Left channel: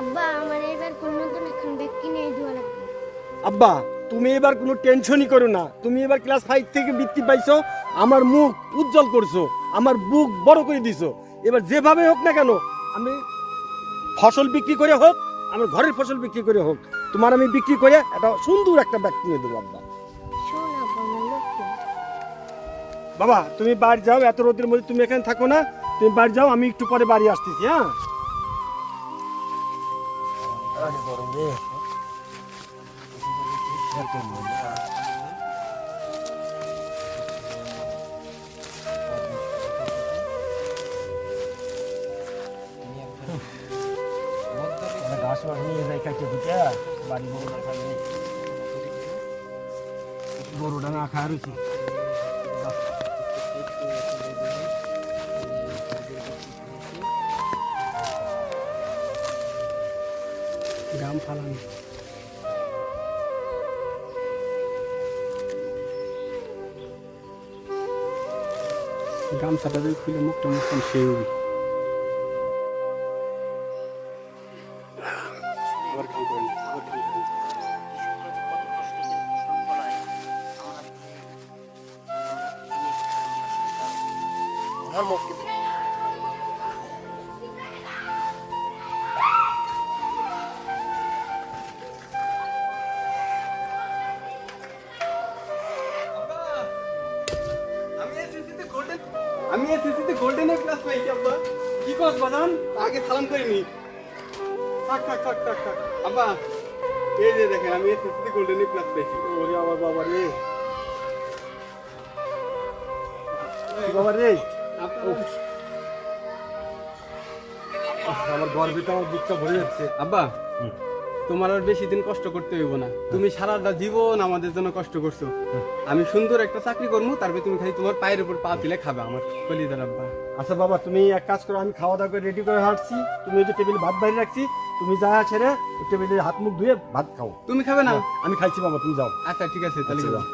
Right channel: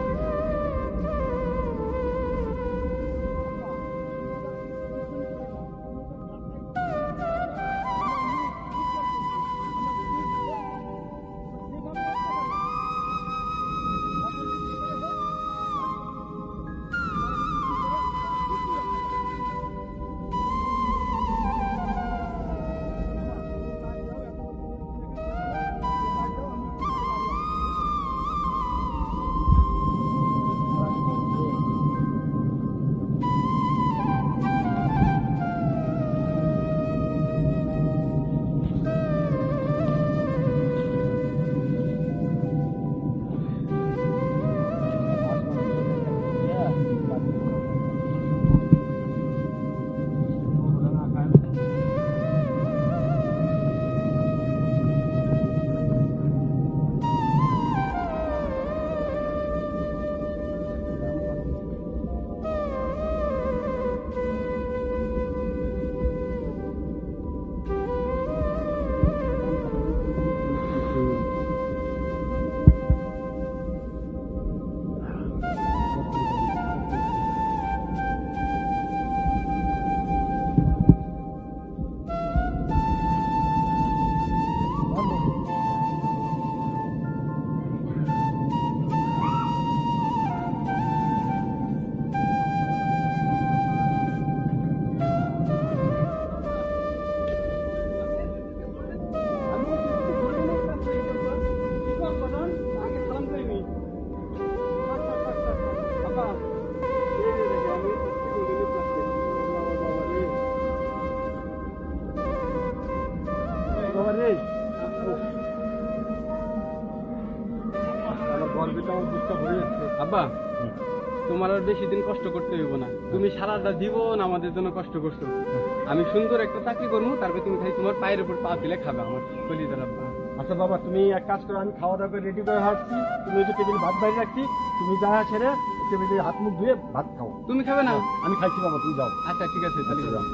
আব্বা? তুমি আব্বা তুমি এবার কোনো টেনশনই করো না। তুমি এবার ক্লাস ফাইভ থেকে বৃত্তি পাইছো আমার মুখ উজ্জ্বল করছ আমার বুক বড় করে দিছো। এবার যেভাবে হোক না কেন আমি ফসল বিক্রি করে হোক আমার ঘরের ফসল বিক্রি করে হোক, তোমার আমি বিক্রি করে একটা সুন্দর একটা ব্যাগ কিনে দেবো আমার বাবা, তুমি বাড়ি যাও, এত রোদের মধ্যে তুমি এখানে থাকো না। তুমি বাড়ি যাও, আমি একটু পরে বাড়ি আসতেছি হ্যাঁ? গরুটা না খায় গাম ফালানো গামছাটা খুলে মুখটা সেই আমি এসএসসিতে গোল্ডেন ক্লাস পাইছি আব্বা। কি কস বাজান? আগে সালাম করিনি থাক থাক থাক থাক থাক। আব্বা এই যে দেখেন আমি এসএসসিতে গোল্ডেন ক্লাস পেয়েছি ওরে আমার বাবা রে। বাবা রে। আমার গর্বিতে আমার বুকটা ভরে যাচ্ছে। আব্বা তোমার আর বেশি দিন কষ্ট করতে হইব না। তুমি সারাটা জীবন আমাদের জন্য কষ্ট করছ। আমি সুন্দর একটা চাকরি করব তারপরে তুমি খালি তোমার পায়ের উপর পা দিলে খাবে আমার কলিজার আব্বা। আচ্ছা বাবা তুমি এক কাজ করো আমি খাওয়া দাওয়া করে রেডি করে হাঁটছি। তুমি ওই যে টেবিল ভাত বাইরে রাখছি তুমি যা ছেড়ে টেবিলে হাত মুখ ধুয়ে ভাত খাও। তুমি খাবে না? আমি খাইছি বাবা তুমি যাও। আচ্ছা ঠিক আছে তাহলে আচ্ছা। যাও।